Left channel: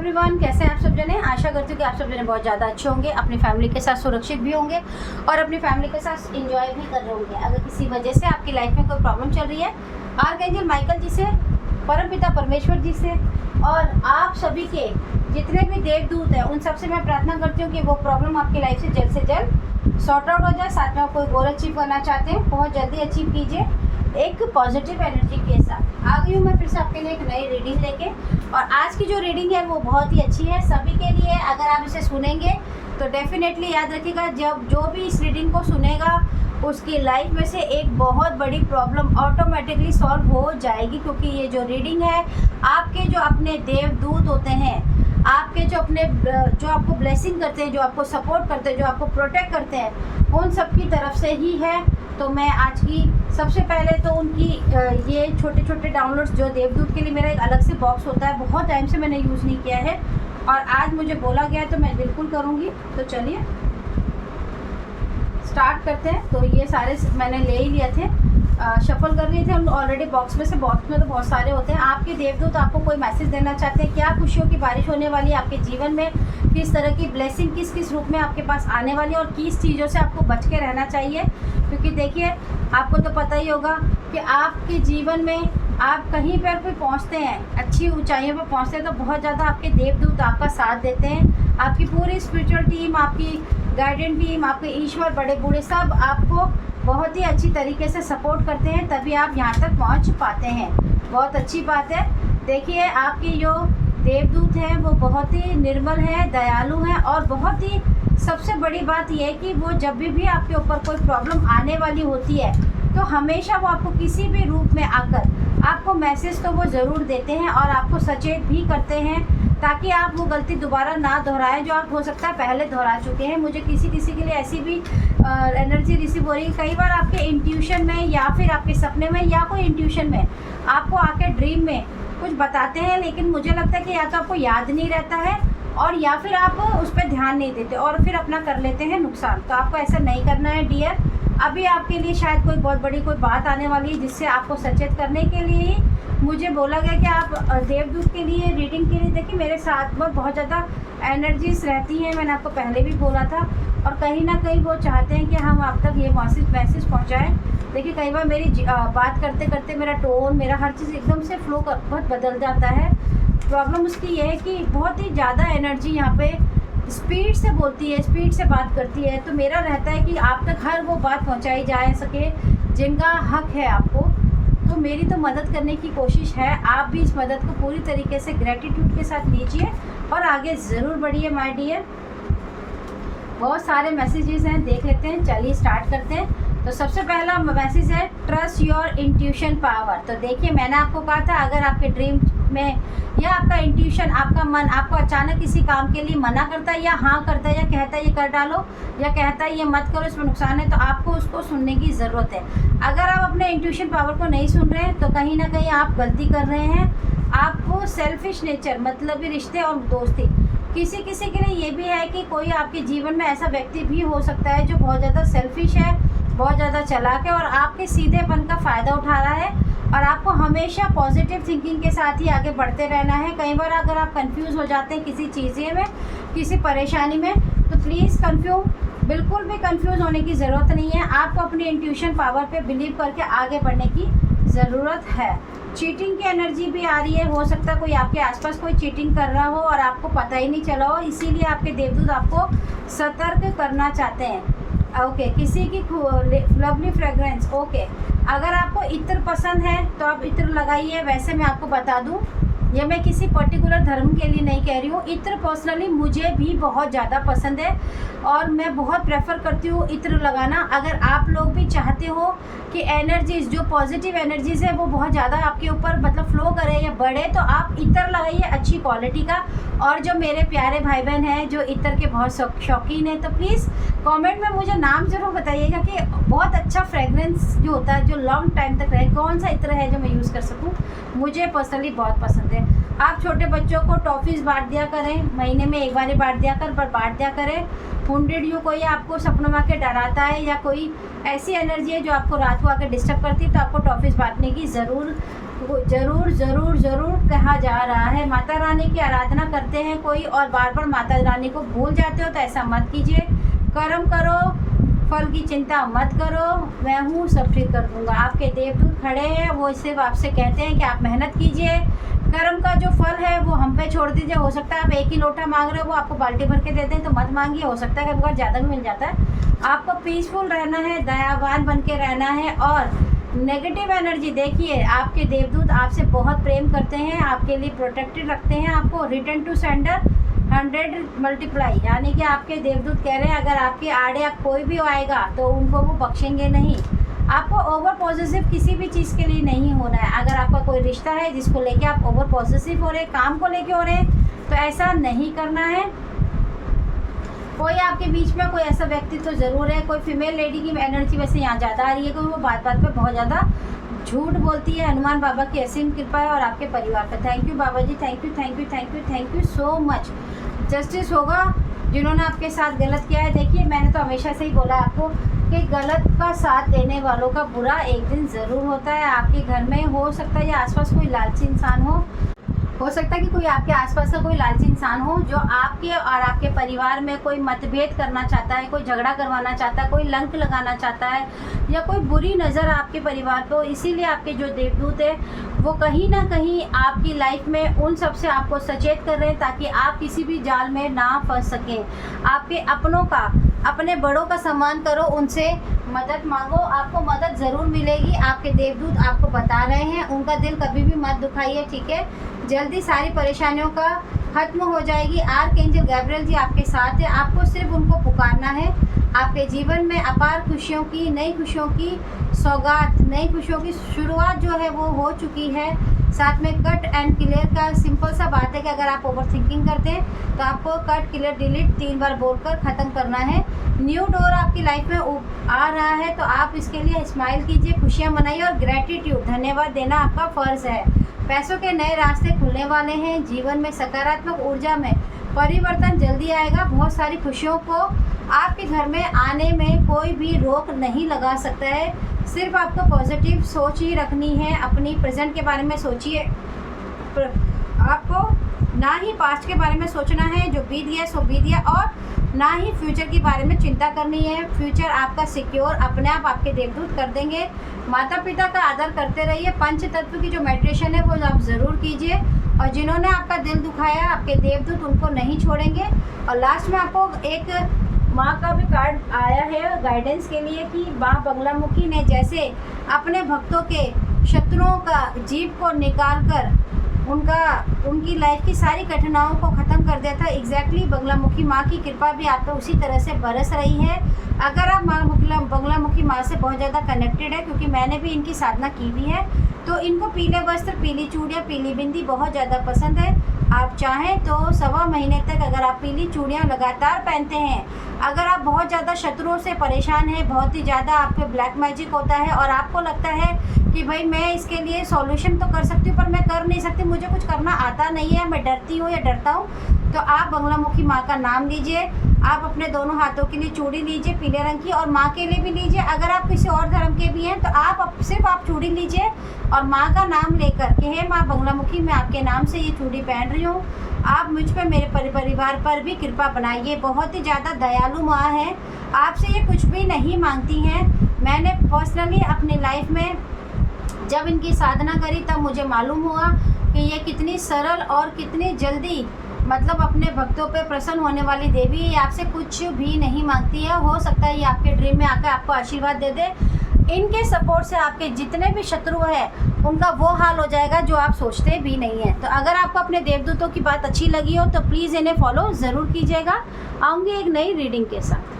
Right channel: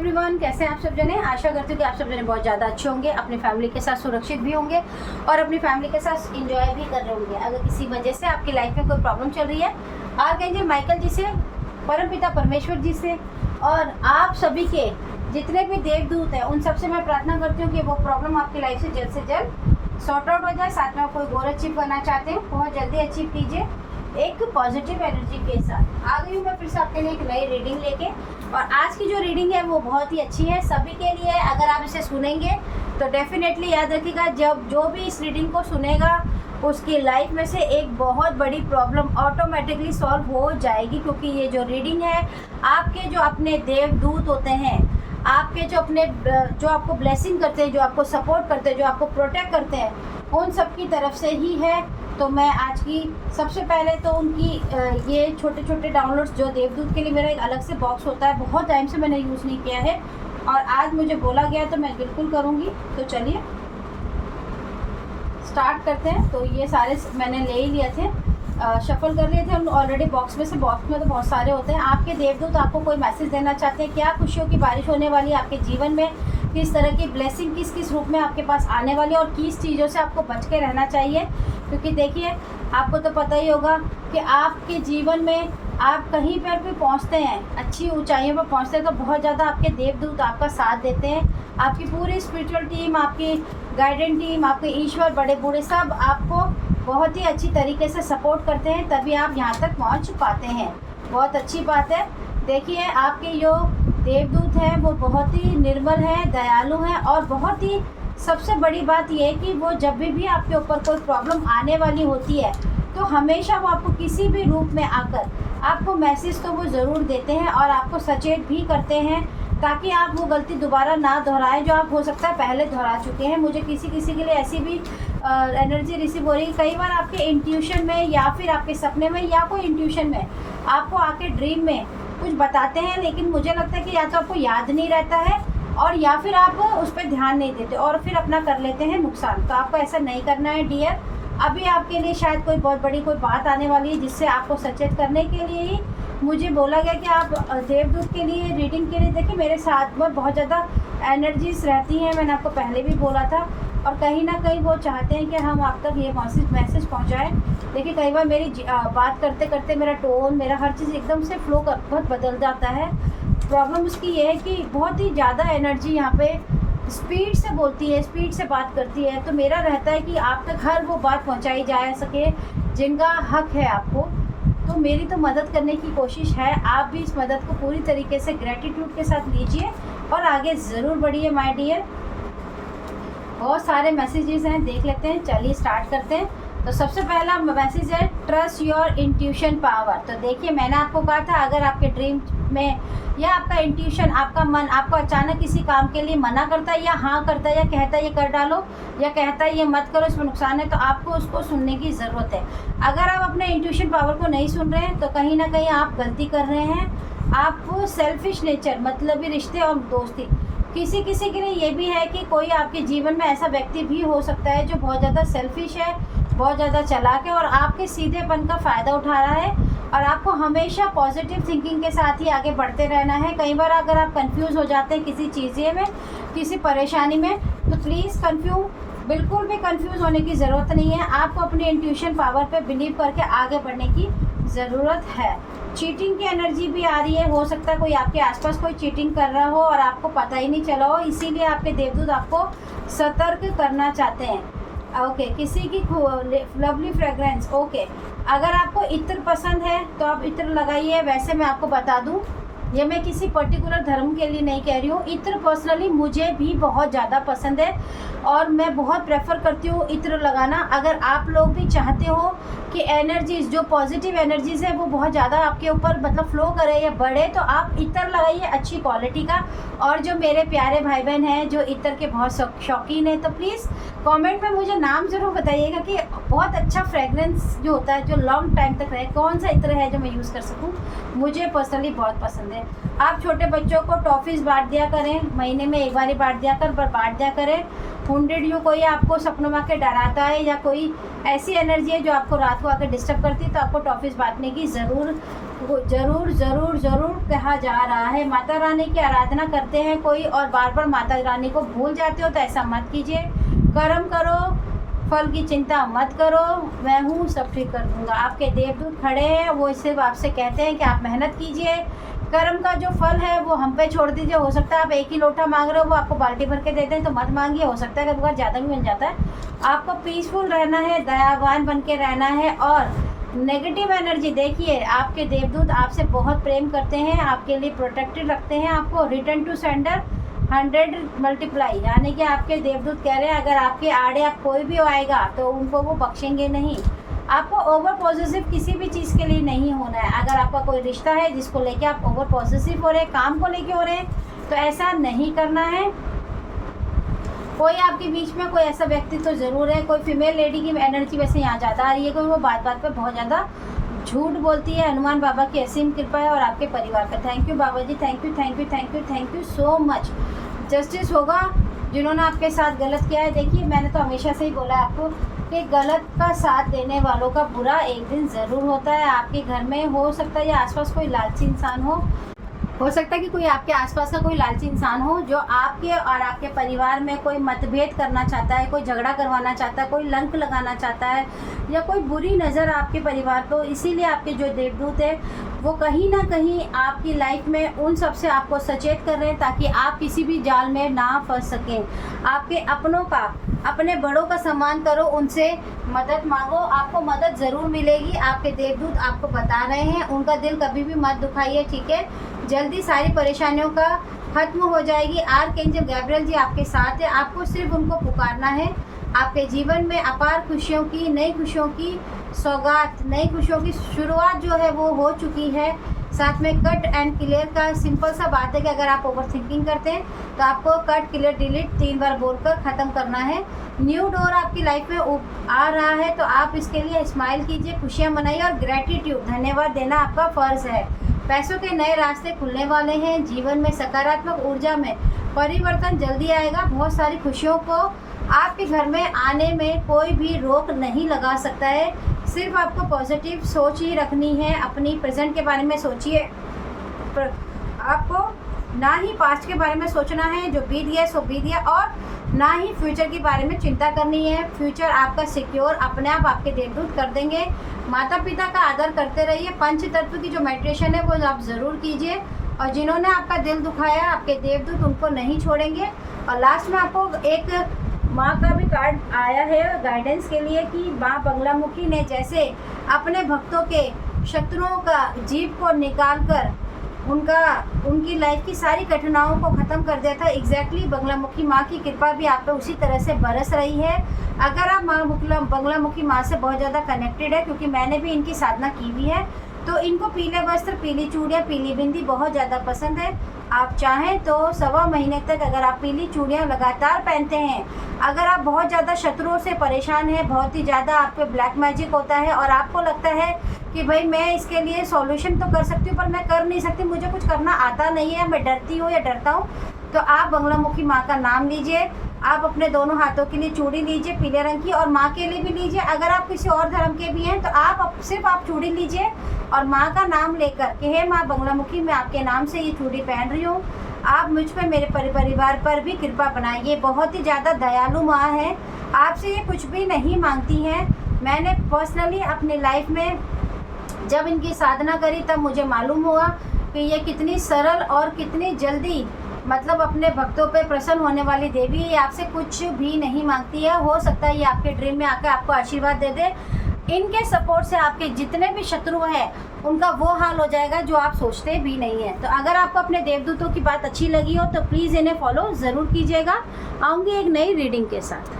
Everyone, कैसे हैं आप सब जने। आशा करती हूँ कि आप सब जने बहुत ज़्यादा अच्छे होंगे, अपनी फैमिली के साथ सुरक्षित भी होंगे और अपनी फैमिली के साथ एंजॉय भी कर रहे होंगे। अगर किसी वजह से आपकी लाइफ में कोई प्रॉब्लम चल रही है, आर्कएंजल माइकल जी से, परमपिता परमेश्वर जी से और आप सभी के जितने भी देवदूत हैं उन सबसे मैं प्रार्थना करती हूँ कि वो प्रॉब्लम आपकी लाइफ से जल्द सॉर्ट आउट हो जाए। साथ में आप कोई गोल अचीव करना चाहते हैं, बहुत जल्दी अचीव कीजिए एक पॉजिटिव एनर्जी के साथ। आ गई हूँ मैं फिर से आपके लिए एक नई रीडिंग लेके, और आज की जो रीडिंग है वो बहुत ही अच्छी है सभी के लिए। अगर आप इसे सुनेंगे तो डेफिनेटली याद रखिएगा, जब जो भी इस रीडिंग को सुनेगा उसकी लाइफ में से एक बहुत बड़ी प्रॉब्लम ऑटोमेटिकली सॉल्व हो जाएगी, क्योंकि ये जो रीडिंग है आपके जो अपने देवदूत होते हैं, आपके जो अपने जो आपको ब्लेसिंग करते हैं, जो आपको सपोर्ट करते हैं, जो आपको प्रोटेक्ट करते हैं, उन सब की तरफ से ही है। तो मैं आज की सबसे पहले तो उनकी ये छोटे छोटे डाउनलोड्स जो देवदूत के लिए मेरा एक अलग से बॉक्स होता है, बहुत टाइम से मैंने यूज़ नहीं किया है और आज मुझे बोला गया है तो मैं बिल्कुल करूँगी। तो चलिए स्टार्ट करते हैं। तो ये सारे मैंने ले ही लिए थे, शफल कर लिए थे हम ऑलरेडी बॉक्स में से। बॉक्स में तो बहुत सारे होते हैं। आपके देवदूत आपको कोई मैसेज देना चाहते हैं, क्या खुशियों की बारिश होने वाली है आपके जीवन में, किस तरह की ब्लेसिंग किस किस रूप में आपके पास आने वाली है और किस चीज़ों से आपको बच के रहना चाहिए। क्योंकि देखिए, आपको तो पता ही होगा कि आपके जीवन में आप कहीं पर कोई पहुंचते हैं, अच्छी ऊंचाइयों पर पहुंचते हैं, तो बहुत ज़्यादा आपके देवदूत आपका साथ देते हैं। आपकी पूरी स्पिरिचुअल टीम, आपकी गाइडेंस टीम, आपके ईश्वर बड़े बूढ़े सब आपको बहुत ही अच्छी तरीके से सपोर्ट करते हैं, तभी आप यहाँ तक पहुँच पाते हैं। बहुत अच्छी बात है। देखिए, आपके जो देवदूत हैं वो बहुत ही निर्मल हैं, दयालु हैं और बहुत ही सबसे बड़ी बात यह है कि वो जब भी आपके ऊपर कोई प्रॉब्लम आने वाली होती है तो हमेशा वो आपको किसी भी रूप में आकर आपको मैसेज तो वो ज़रूर देते हैं और आपको सचेत भी करते हैं, ताकि आप वो गलती दोबारा ना दोहराएं जो आप हो सकता है पहले दोहरा चुके हैं। मुझे किसी के लिए ऐसी भी एनर्जी रिसीव हो रही है। कई बार आपके इंट्यूशन में या फिर आपके सपने में या कोई इंट्यूशन में आपको आके ड्रीम में कुछ बताते हैं, लेकिन मुझे लगता है कि या तो आपको याद नहीं रहता है और या फिर आप उस पर ध्यान नहीं देते और फिर अपना कर लेते हैं नुकसान। तो आपको ऐसा नहीं करना है डियर। अभी आपके लिए शायद कोई बहुत बड़ी कोई बात आने वाली है, जिससे आपको सचेत करने के लिए ही मुझे बोला गया कि आप देवदूत के लिए रीडिंग के लिए देखिए मेरे साथ में बहुत ज़्यादा एनर्जीज रहती हैं। मैंने आपको पहले भी बोला था और कहीं ना कहीं वो चाहते हैं कि हम आप तक ये मैसेज पहुँचाएँ। देखिए, कई बार मेरी बात करते करते मेरा टोन, मेरा हर चीज़ एकदम से फ्लो बहुत बदल जाता है। प्रॉब्लम उसकी ये है कि बहुत ही ज़्यादा एनर्जी यहाँ पे स्पीड से बोलती है, स्पीड से बात करती है। तो मेरा रहता है कि आप तक हर वो बात पहुँचाई जा सके जिनका हक है आपको। तो मेरी तो मदद करने की कोशिश है, आप भी इस मदद को पूरी तरीके से ग्रेटिट्यूड के साथ लीजिए और आगे ज़रूर बढ़िए माय डियर। बहुत सारे मैसेजेस हैं, देख लेते हैं। चलिए स्टार्ट करते हैं। तो सबसे पहला मैसेज है ट्रस्ट योर इंट्यूशन पावर। तो देखिए, मैंने आपको कहा था अगर आपके ड्रीम में या आपका इंट्यूशन, आपका मन आपको अचानक किसी काम के लिए मना करता है या हाँ करता है या कहता है ये कर डालो या कहता है ये मत करो, इसमें नुकसान है, तो आपको उसको सुनने की ज़रूरत है। अगर आप अपने इंट्यूशन पावर को नहीं सुन रहे हैं तो कहीं ना कहीं आप गलती कर रहे हैं। आपको सेल्फिश नेचर, मतलब रिश्ते और दोस्ती, किसी के लिए ये भी है कि कोई आपके जीवन में ऐसा व्यक्ति भी हो सकता है जो बहुत ज़्यादा सेल्फिश है, बहुत ज़्यादा चालाक है और आपके सीधेपन का फ़ायदा उठा रहा है। और आपको हमेशा पॉजिटिव थिंकिंग के साथ ही आगे बढ़ते रहना है। कई बार अगर आप कंफ्यूज हो जाते हैं किसी चीज़ें में, किसी परेशानी में, तो प्लीज़ बिल्कुल भी कंफ्यूज होने की ज़रूरत नहीं है। आपको अपनी इंट्यूशन पावर पे बिलीव करके आगे बढ़ने की ज़रूरत है। चीटिंग की एनर्जी भी आ रही है, हो सकता है कोई आपके आसपास कोई चीटिंग कर रहा हो और आपको पता ही नहीं चला हो, इसीलिए आपके देवदूत आपको सतर्क करना चाहते हैं। ओके, किसी की लवली फ्रेग्रेंस। ओके, अगर आपको इत्र पसंद है तो आप इत्र लगाइए। वैसे मैं आपको बता दूं, ये मैं किसी पर्टिकुलर धर्म के लिए नहीं कह रही हूँ। इत्र पर्सनली मुझे भी बहुत ज़्यादा पसंद है और मैं बहुत प्रेफर करती हूँ इत्र लगाना। अगर आप लोग भी चाहते हो कि एनर्जीज़, जो पॉजिटिव एनर्जीज़ है वो बहुत ज़्यादा आपके ऊपर मतलब फ्लो करे या बढ़े, तो आप इत्र लगाइए अच्छी क्वालिटी का। और जो मेरे प्यारे भाई बहन हैं जो इत्र के बहुत शौकीन हैं, तो प्लीज़ कमेंट में मुझे नाम ज़रूर बताइएगा कि बहुत अच्छा फ्रेगरेंस जो होता है, जो लॉन्ग टाइम तक रहे, कौन सा इत्र है जो मैं यूज़ कर सकूँ। मुझे पर्सनली बहुत पसंद है। आप छोटे बच्चों को टॉफ़ीज़ बांट दिया करें, महीने में एक बार ही बांट दिया कर, पर बांट दिया करें। 100 यू कोई आपको सपनों में आके डराता है या कोई ऐसी एनर्जी है जो आपको रात को आके डिस्टर्ब करती है, तो आपको टॉफ़ीज़ बांटने की ज़रूर ज़रूर ज़रूर ज़रूर कहा जा रहा है। माता रानी की आराधना करते हैं कोई और बार बार माता रानी को भूल जाते हो तो ऐसा मत कीजिए। कर्म करो, फल की चिंता मत करो, मैं हूँ, सब ठीक कर दूँगा। आपके देवदूत खड़े हैं, वो सिर्फ आपसे कहते हैं कि आप मेहनत कीजिए। कर्म का जो फल है वो हम पे छोड़ दीजिए। हो सकता है आप एक ही लोटा मांग रहे हो, वो आपको बाल्टी भर के दे दें तो मत मांगिए। हो सकता है कभी कभार ज़्यादा भी मिल जाता है। आपको पीसफुल रहना है, दयावान बन के रहना है। और नेगेटिव एनर्जी, देखिए आपके देवदूत आपसे बहुत प्रेम करते हैं, आपके लिए प्रोटेक्टेड रखते हैं आपको। रिटर्न टू सेंडर 100 मल्टीप्लाई, यानी कि आपके देवदूत कह रहे हैं अगर आपके आड़े आप कोई भी आएगा तो उनको वो बख्शेंगे नहीं। आपको ओवर पॉजिटिव किसी भी चीज़ के लिए नहीं होना है। अगर आपका कोई रिश्ता है जिसको लेके आप ओवर पॉजिटिव हो रहे हैं, काम को लेके हो रहे हैं, तो ऐसा नहीं करना है। कोई आपके बीच में कोई ऐसा व्यक्ति तो ज़रूर है, कोई फीमेल लेडी की एनर्जी वैसे यहाँ ज़्यादा आ रही है, कोई वो बात बात पे बहुत ज़्यादा झूठ बोलती है। हनुमान बाबा की असीम कृपा है और आपके परिवार पर। थैंक यू बाबा जी, thank you thank you thank you thank you so much. Justice होगा जिन्होंने आपके साथ गलत किया है। देखिए मैंने तो हमेशा से ही बोला है आपको कि गलत का साथ देने वालों का बुरा एक दिन ज़रूर होता है। आपके घर में हो सकता है या आसपास कोई लालची इंसान हो सकता है कि कोई आपके आसपास का कोई लालची इंसान हो जो आपके और आपके परिवार में कोई मतभेद करना चाहता है, कोई झगड़ा करवाना चाहता है, कोई लंक लगाना चाहता है या कोई बुरी नज़र आपके परिवार को। इसीलिए आपके जो देवदूत है वो कहीं ना कहीं आपकी लाइफ में उन सब से आपको सचेत कर रहे हैं ताकि आप किसी भी जाल में ना फंस सकें। आपके अपनों का, अपने बड़ों का सम्मान करो, उनसे मदद मांगो, आपको मदद ज़रूर मिलेगी। आपके देवदूत आपको बता रहे हैं, उनका दिल कभी भी मत दुखाइए, ठीक है। जल्दी सारी परेशानियों का खत्म हो जाएगी। आर्कएंजल गैब्रियल जी आपके साथ है, आपको सिर्फ उनको पुकारना है। आपके जीवन में अपार खुशियों की, नई खुशियों की सौगात, नई खुशियों की शुरुआत जो है वो हो चुकी है। साथ में कट एंड क्लियर का सिंपल सा बात है कि अगर आप ओवर थिंकिंग करते हैं तो आपको कट क्लियर डिलीट 3 बार बोलकर ख़त्म करना है। न्यू डोर आपकी लाइफ में आ रहा है तो आप इसके लिए स्माइल कीजिए, खुशियाँ मनाइए और ग्रेटिट्यूड, धन्यवाद देना आपका फ़र्ज़ है। पैसों के नए रास्ते खुलने वाले हैं। जीवन में सकारात्मक ऊर्जा में परिवर्तन जल्दी आएगा। बहुत सारी खुशियों को आपके घर में आने में कोई भी रोक नहीं लगा सकता है। सिर्फ आपको पॉजिटिव सोच ही रखनी है। अपनी प्रेजेंट के बारे में सोचिए, आपको ना ही पास्ट के बारे में सोचना है, जो बीत गया सो बीत गया, और ना ही फ्यूचर के बारे में चिंता करनी है। फ्यूचर आपका सिक्योर अपने आप आपके देवदूत कर देंगे। माता पिता का आदर करते रहिए। पंच तत्व की जो मेडिटेशन है वो आप ज़रूर कीजिए। और जिन्होंने आपका दिल दुखाया, आपके देवदूत उनको नहीं छोड़ेंगे। और लास्ट में आपको एक माँ का भी कार्ड आया है गाइडेंस के लिए कि माँ बगलामुखी ने जैसे अपने भक्तों के शत्रुओं का जीव को निकाल कर उनकी लाइफ की सारी कठिनाइयों को ख़त्म कर दिया था। एग्जैक्टली बगलामुखी माँ की कृपा भी आप पर उसी तरह से बरस रही है। अगर आप माँ बगलामुखी माँ से बहुत ज़्यादा कनेक्टेड है, क्योंकि मैंने भी इनकी साधना की हुई है, तो इनको पीले वस्त्र, पीली चूड़ियाँ, पीली बिंदी बहुत ज़्यादा पसंद है। आप चाहें तो 1.25 महीने तक अगर आप पीली चूड़ियाँ लगातार पहनते हैं, अगर आप बहुत ज़्यादा शत्रुओं से परेशान हैं, बहुत ही ज़्यादा आप पे ब्लैक मैजिक होता है और आपको लगता है कि भाई मैं इसके लिए सॉल्यूशन तो कर सकती हूँ पर मैं कर नहीं सकती, मुझे कुछ करना आता नहीं है, मैं डरती हूँ या डरता हूँ, तो आप बगलामुखी माँ का नाम लीजिए। आप अपने दोनों हाथों के लिए चूड़ी लीजिए पीले रंग की, और माँ के लिए भी लीजिए। अगर आप किसी और धर्म के भी हैं तो आप सिर्फ आप चूड़ी लीजिए और माँ का नाम लेकर कि हे माँ बगलामुखी, मैं आपके नाम से ये चूड़ी पहन रही हूँ, आप मुझ पर, मेरे परिवार पर भी कृपा बनाइए। बहुत ही ज़्यादा दयालु माँ है, आपसे ये कुछ भी नहीं मांगती हैं। मैंने पर्सनली अपनी लाइफ में जब इनकी साधना करी तब मुझे मालूम हुआ कि ये कितनी सरल और कितनी जल्दी मतलब अपने भक्तों पे प्रसन्न होने वाली देवी है। ये आपसे कुछ भी नहीं मांगती है। हो सकता है ये आपके ड्रीम में आकर आपको आशीर्वाद दे दे। इनके सपोर्ट से आपके जितने भी शत्रु हैं उनका वो हाल हो जाएगा जो आप सोचते भी नहीं हैं। तो अगर आपको अपने देवदूतों की बात अच्छी लगी हो तो प्लीज़ इन्हें फॉलो ज़रूर कीजिएगा। आऊँगी एक नई रीडिंग के साथ।